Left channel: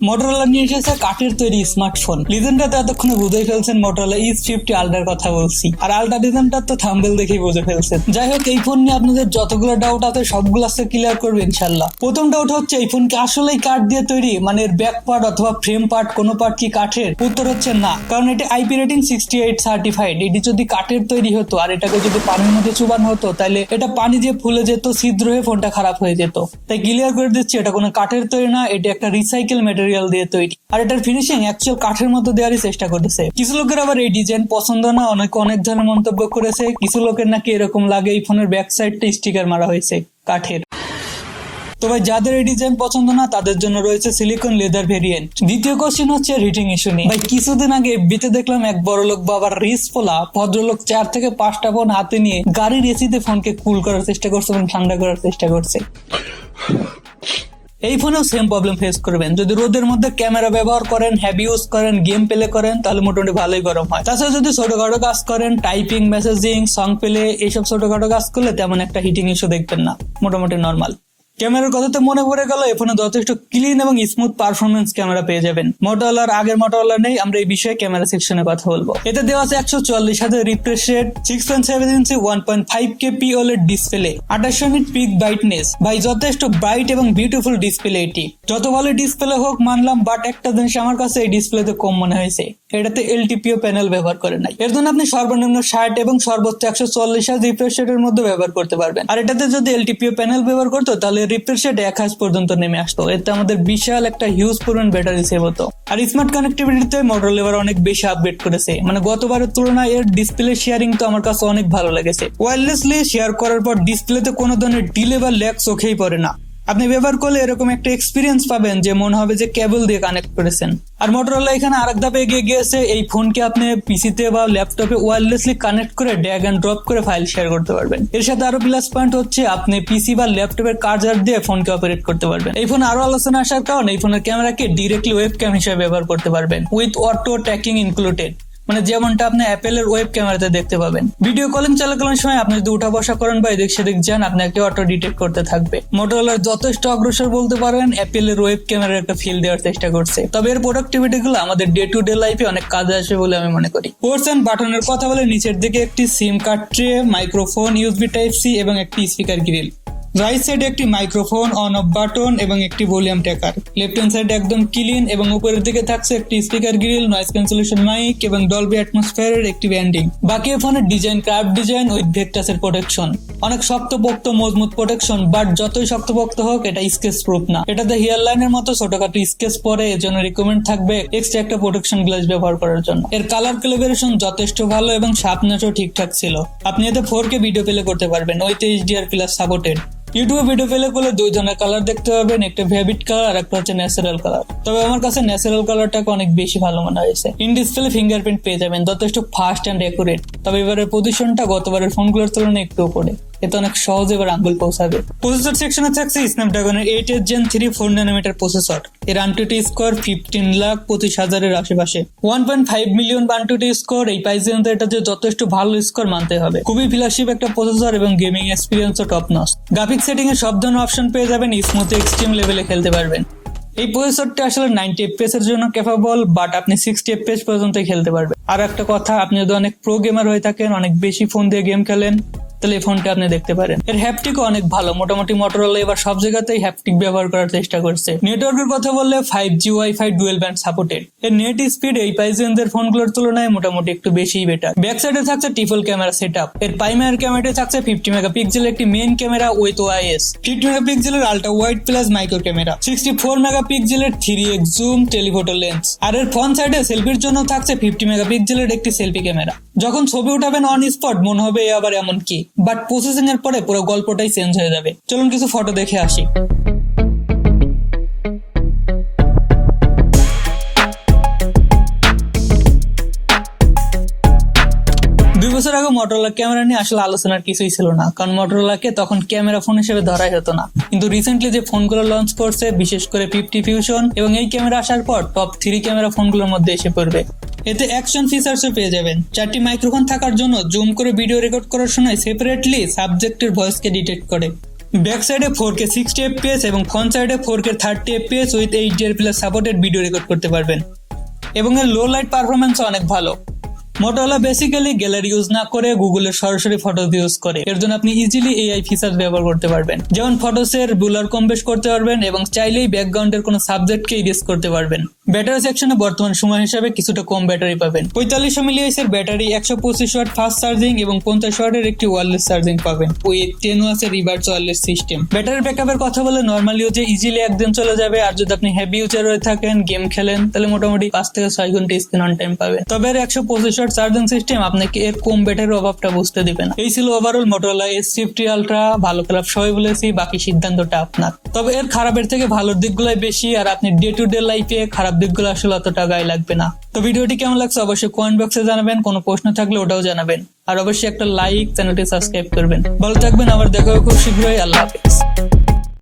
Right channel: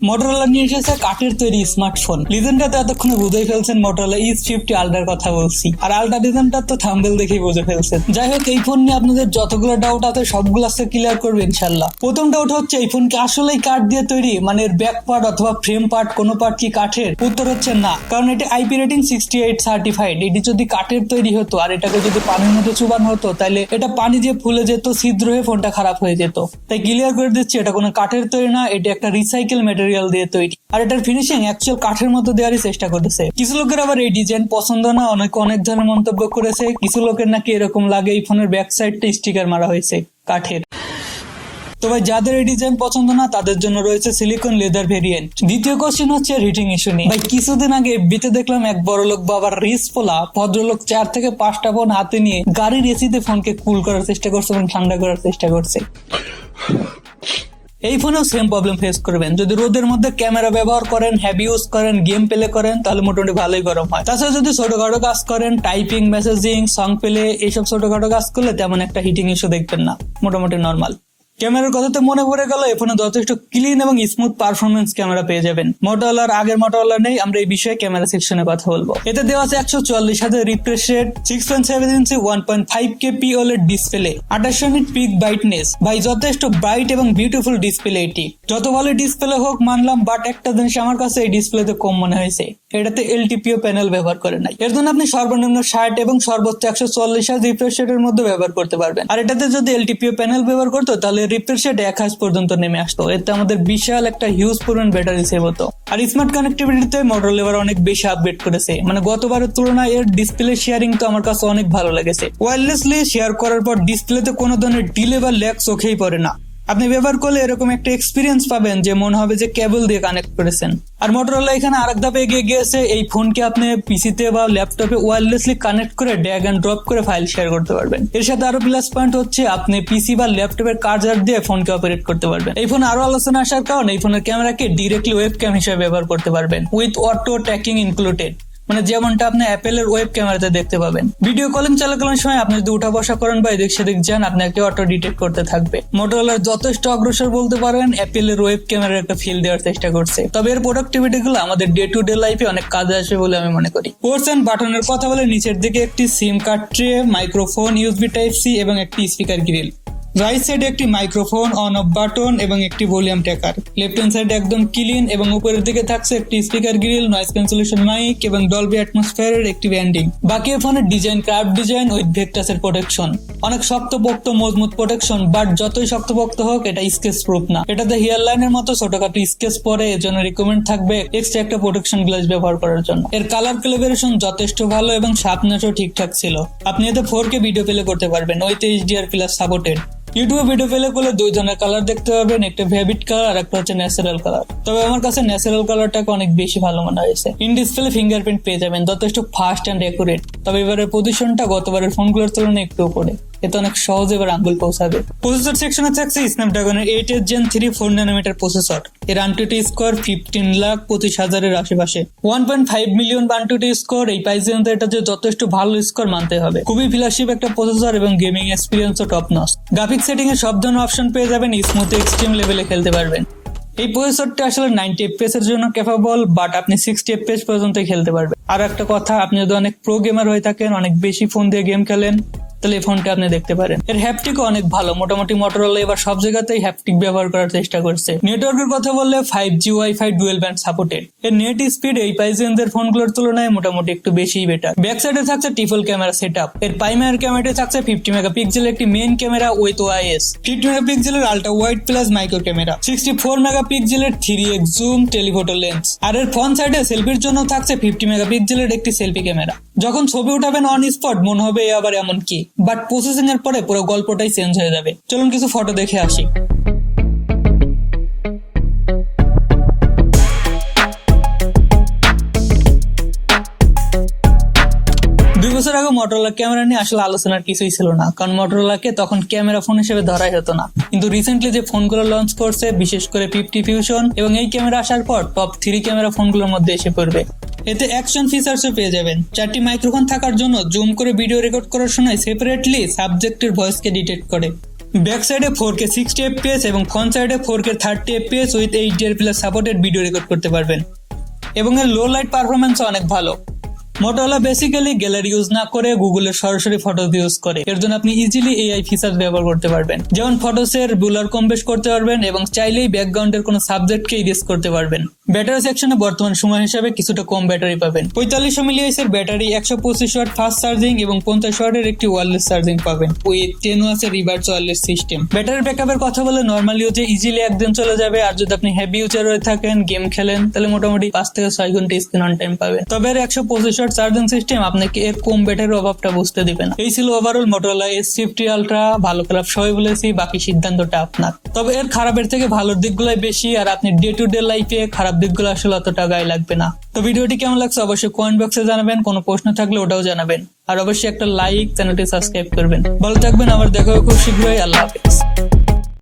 Motorola নিয়ে এসেছে কাঠের তৈরি স্মার্টফোন। লিজেন্ডটা তো এতক্ষণে বুঝে ফেলছেন মোটরোলা E50 আলট্রার কথা বলছি, আর আলট্রা ডিজাইনটা তো থাম্বনেল দেখেই বুঝে ফেলছেন। যাই হোক, এই ফোন নিয়ে আপনাদের যতগুলো ডাউট আছে সবগুলো আজকে ক্লিয়ার করবে ইনশাল্লাহ। প্রথম ডাউট হচ্ছে এই ফোন কি আসলেই কাঠ দিয়ে তৈরি, মানে এর ব্যাক পার্ট অথবা ফ্রেম পার্ট কোনো পার্ট কি কাঠের? উত্তর হচ্ছে না, কারণ এটি IP রেটিং 68 সার্টিফাইড। এটি যদি কাঠের তৈরি হতো আর এটাকে যদি পানির মধ্যে চুবানো হতো তাহলে এটা পানি দিয়ে ফুলে যেত, ছিদ্র হয়ে ফোনটা খারাপ হয়ে যেত। তাই ক্লিয়ার করে দিচ্ছি, এটা কোনো কাঠের তৈরি না, এটা একটা রিসাইকেল মেটেরিয়াল দিয়ে তৈরি। আর এটার ফিনিশিং অ্যাকচুয়াল কাঠের মতো দেওয়ারই চেষ্টা করেছে। কিছু লোকের আবার এই ডিজাইন পছন্দ না, অনেক ধরনের মন্তব্য করেছে। কিছু লোকের নাকি এরকম লাগে এই ফোনের ব্যাক সাইডটা স্টিকার মারা হয়েছে কাঠের। তো ভাই, যাদের এই ডিজাইন পছন্দ না তাদের জন্য রয়েছে সিলিকন লেদার ভেরিয়েন্ট। দ্বিতীয় কোশ্চেন হচ্ছে হিটিং ইস্যু নিয়ে। ভাই, কিছুদিন আগে বিতে দেখলাম এক বড় লোক বাবার রিস পোলা ভদ্রলোক 4 থেকে 5টা ফোন হাতে নিয়ে গাড়ির এসিতে ফোনকে কুল করার চেষ্টা করছে এবং ঠান্ডা করার চেষ্টা করছে। এই ফোনেও সেম প্রবলেম ফেস করবেন। যদি রোদের মধ্যে ক্যামেরা ব্যবহার করেন, হেভি ইউজ করেন, গেম প্লে করেন, তাহলে মোটামুটি ভালোই গরম হয়। তাছাড়া যদি ছোটখাটো কাজ করেন, টাইপিং, মেসেজিং, সং প্লে, এইসব ছোটখাটো কাজ করলে তেমন একটা হিটিং ইস্যু দেখবেন না, মোটামুটি নর্মাল। ক্যামেরার কথাতে মনে পড়ে গেল, এখানে যথেষ্ট ক্লিন এবং স্মুথ পারফরমেন্স ক্যামেরা পেয়ে যাবেন। মোটরোলার আগের মোটরোলা নেই, আমরা এই বিষয়ে ক্যামেরা সেকশনে কথা বলবো। এতে দেওয়া আছে 144 refresh rate, 6.7 inch 1.5K POLED display, 28 nit peak brightness. ভাই, যথেষ্ট ব্রাইট এবং বিউটিফুল ডিসপ্লে এটি। যত ভালো ডিসপ্লে হোক মানলাম, বাট একটা জিনিস আমার কাছে এই ডিসপ্লেতে কম মনে হয়েছে, এটাতে LTPO প্যানেল ব্যবহার করে নাই। এর জন্য আপনি সর্বনিম্ন 60 এবং সর্বোচ্চ 144 রিফ্রেশ রেটের মধ্যে ব্যবহার করতে পারবেন। আর এটাতে যদি LTPO প্যানেল ব্যবহার করতো তাহলে রিফ্রেশ রেট 1000 পর্যন্ত নেমে আসতো। এতে আমাদের বিশাল একটা হিউজ পরিমাণ ব্যাটারি সেভ হতো। আর স্মার্ট কানেক্টিভিটিতে মোটরোলা এবার অনেক বেশি আপডেট করেছে, মানে গতবারের তুলনায় এর ডিসপ্লে শেয়ারিং তো আমার কাছে অনেক ভালো লেগেছে। ওয়্যারলেসলি শেয়ার করার পর ডিসপ্লেতে কোনো ধরনের ডিলে বা ল্যাগ চোখেই পড়ে না। আপনি ব্যবহার করলে এরকম একটা এক্সপিরিয়েন্স পাবেন যে মনে হবে যে কেবল দিয়ে কানেক্ট করেছেন। আর মোটরোলা এখানে আরেক ধাপ এগিয়ে গিয়েছে, এই ফোনকে আপনি পিসিতে বা ল্যাপটপে ওয়্যারলেসলি কানেক্ট করে ড্র্যাগ এন্ড ড্রপ করে ফাইল শেয়ার করতে পারবেন। এর সাথে আরো প্লাস পয়েন্ট হচ্ছে আপনি পিসি বা ল্যাপটপের চার্জার দিয়ে ফোনকে অপারেট করতে পারবেন। এই ফোন আরো আলোচনা আসার কারণে এই ফোনের ক্যামেরাকে ডিরেক্টলি ওয়েবক্যাম হিসেবে ব্যবহার করতে পারবেন, উইথ অটো ট্র্যাকিং ইনক্লুডেড, মানে যেমনটা আপনি অ্যাপেলের ওয়েব ক্যামেরাতে দেখতে পাবেন। ভিডিও কলিং চলাকালীন সময় আপনি যদি উঠা বসা করেন বা এদিক সেদিক যান, আপনাকে অটো ডিটেক্ট করতে থাকবে। মোটরোলার যথেষ্ট অগ্রসর বলতে পারেন, অ্যাপেলের ওয়েব ক্যামেরার একটা ফিল দেওয়ার চেষ্টা করছে। তবে এর প্রোডাক্টিভিটি গুলো আমাদের ডে টু ডে লাইফে অনেক কাজে আসবে বলে আমি মনে করি। পোর্টস এন্ড বাটনের কথা বলে নিচের দিকে একটি সিম card tray, microphone, USB Type-C এবং একটি স্পিকার গ্রিল। রাইট সাইডে একটি মাইক্রোফোন, অন অফ বাটন এবং একটি volume tracker. Left hand side একদম ক্লিন এবং উপরের দিকে থাকছে একটি speaker grill, noise cancellation mic এবং ডলবি অ্যাটমসফিয়ারের একটি ব্যান্ডিং। বাকি ফোনের ডিজাইন কার্ভ ডিজাইন উইথ ভেক্টাসের প্রোটেকশন, অনেক শক্তপোক্ত মজবুত প্রোটেকশন, বাট যতই শক্তপোক্ত হোক এটা স্কেচ প্রুফ না। এটাতে হেয়ার লাইনের মতো ছোটখাটো স্কেচ পরে, এর জন্য রিকমেন্ড থাকবে এক্সট্রা একটা প্রোটেকশন গ্লাস ব্যবহার করার জন্য। এর কালার ক্যালিব্রেশন যথেষ্ট ভালো এবং শার্পনেসও ঠিকঠাক ছিল। আপনি এতে 4K ভিডিও প্লে করতে পারবেন with HDR+ supported. YouTube video play করলে 2 ধরনের কালার দেখতে পাবেন, একটা ভেভিড কালার আর একটা হচ্ছে ন্যাচারাল কালার। তবে আমার কাছে ন্যাচারাল কালারটাকে অনেক বেশি ভালো মনে হয়েছে। ইন ডিসপ্লে ফিঙ্গারপ্রিন্ট পেয়ে যাবেন, যথেষ্ট ফাস্ট এন্ড অ্যাকুরেট। তবে এবারের পজিশনটা গতবারের ফোনগুলোর তুলনায় একটু উপরে, এতে অনেক সহজে এবার আঙ্গুল পৌঁছাবে। প্রসেসর সেকশনে থাকছে স্ন্যাপড্রাগনের 8 Gen 3 4nm প্রসেসর। এর AnTuTu স্কোর 15,25,000-এর আশেপাশে। 1.5 মিলিয়ন AnTuTu স্কোর, এই প্রাইসে এটা যে যথেষ্ট ভালো স্কোর মানতে হবে। খুবই ফ্ল্যাশিপ একটা প্রসেসর এবং গেমিং এক্সপিরিয়েন্সও টপ নচ। গ্রাফিক্স সেটিং এ সব ধরনের অপশন পেয়ে যাবেন, স্মুথ এক্সট্রিম লেভেলে খেলতে পারবেন। এই প্রসেসরটি আসলে 90 FPS এর জন্য ক্যাপাবল, বাট আপনি 60 FPS পর্যন্ত খেলতে পারবেন। আর একটা কথা, আপনি যদি অনেক প্রো গেমার হয়ে থাকেন, অনেক বেশি ফোন দিয়ে গেম খেলেন, তাহলে এই ফোনটা আপনি দেখতে পারেন। এর হ্যাপটিকও অনেক ভালো, মোটামুটি মোটরোলা এবার সব জায়গাতেই হ্যাপটিক ব্যবহার করার চেষ্টা করছে। নেটওয়ার্কের কথা বললে 5G wifi dual band supported. এর নেট স্পিড এই প্রাইসের ফোনগুলোর তুলনায় মোটামুটি একটু বেশিই বেটার। ব্যাক সাইডে থাকছে ট্রিপল ক্যামেরা সেটআপ। এর প্রাইমারি ক্যামেরাতে থাকছে 50 মেগাপিক্সেলের একটি মেইন ক্যামেরা উইথ OIS, 50 মেগাপিক্সেলের ultra wide plus micro camera, 64 মেগাপিক্সেলের 3x জুম টেলিফোটো লেন্স। আর এর ফ্রন্ট সাইডে সেলফির জন্য থাকছে 50 মেগাপিক্সেলের একটি সেলফি ক্যামেরা। যখন ছবি উঠাবেন অন স্পট মনে হবে আবার এমন কি, বাট প্রসেসিং এর পরে পুরো গল্পটাই চেঞ্জ হয়ে যাবে। চলুন কিছু ফটো দেখে আসি। মোটরোলা ক্যামেরা নিয়ে আসলে আলোচনার কিছুই ছিল না, কারণ মোটরোলাকে তখন ক্যামেরা ফোন হিসেবে ধরাই হতো না। কিন্তু রিসেন্টলি যে ফোনগুলো লঞ্চ করছে, বিশেষ করে 50 ফিউশন এবং এই ক্যামেরা আসার পর টপ 3 ক্যামেরা ফোনগুলোর মধ্যে এসে পড়বে। এতে অ্যাকশন ফিচার্সও পেয়ে যাবেন। 4টি মাইক্রোফোন থাকার জন্য জুম করে ভিডিও রেকর্ড করার সময় সেপারেটলি সাবজেক্টের ভয়েসকে ডিটেক্ট করে। ব্যাক সাইডে 4K 60 fps এবং ফ্রন্ট সাইডে 4K 30 fps with 8 GHz supported video record করতে পারবেন এবং এর লো লাইট পারফরম্যান্স অনেক ভালো। মোটরোলা বেসিক্যালি গ্যালারি ইউজ না করে গুগলের সরাসরি ফটোস ইউজ করে, এর জন্য আপনি ইজিলি এআই ফিচার ব্যবহার করতে পারবেন, যেমন ফটোসের ব্লার কম বেশ করতে পারবেন এবং চাইলেই ব্যাকগ্রাউন্ডের কোনো সাবজেক্টকে ইরেজ করতে পারবেন। ব্যাটারি সেকশনে বর্তমান সময় হিসাবে কিছুটা কম ব্যাটারি পাবেন। 4500 mAh এর ব্যাটারি, 125 ওয়াট ফাস্ট চার্জিং এবং 50 ওয়াটের একটি ওয়্যারলেস চার্জিং পাবেন উইথ 10 ওয়াটস এর রিভার্স ওয়্যারলেস সিস্টেম। ব্যাটারি ব্যাকআপের কথা বলে নরমাল ইউজে ইজিলি একদিন চলে যাবে, আর যদি আপনি হেভি ইউজার হয়ে থাকেন, গেম খেলেন, তাহলে মোটামুটি 5 থেকে 6 ঘন্টা স্ক্রিন অন টাইম পাবেন। তবে এর 125 ওয়াট চার্জিং সিস্টেম আপনাকে এর কম ব্যাটারির অভাবটা বুঝতে দিবে না। এই ছিল ওভারঅল মোটরোলা S50 আলট্রা। ভালো খারাপ সবাই বলেছি, বাকি সিদ্ধান্তটা আপনার। তবে এর খারাপের থেকে ভালোর দিকগুলাই বেশি, আর আপনি ডে টু ডে লাইফে খারাপ দিকগুলো আসলে অতটা গায়ে লাগবে না। তো ভিডিওটি কেমন লাগছে অবশ্যই কমেন্ট বক্সে জানাবেন, কোনো প্রশ্ন থাকলে ওটাও জানাবেন, আর অবশ্যই একটা লাইক, চ্যানেলটি সাবস্ক্রাইব করবেন। ভালো থাকবেন, আবার দেখা হবে খুব শীঘ্রই। আল্লাহ হাফেজ।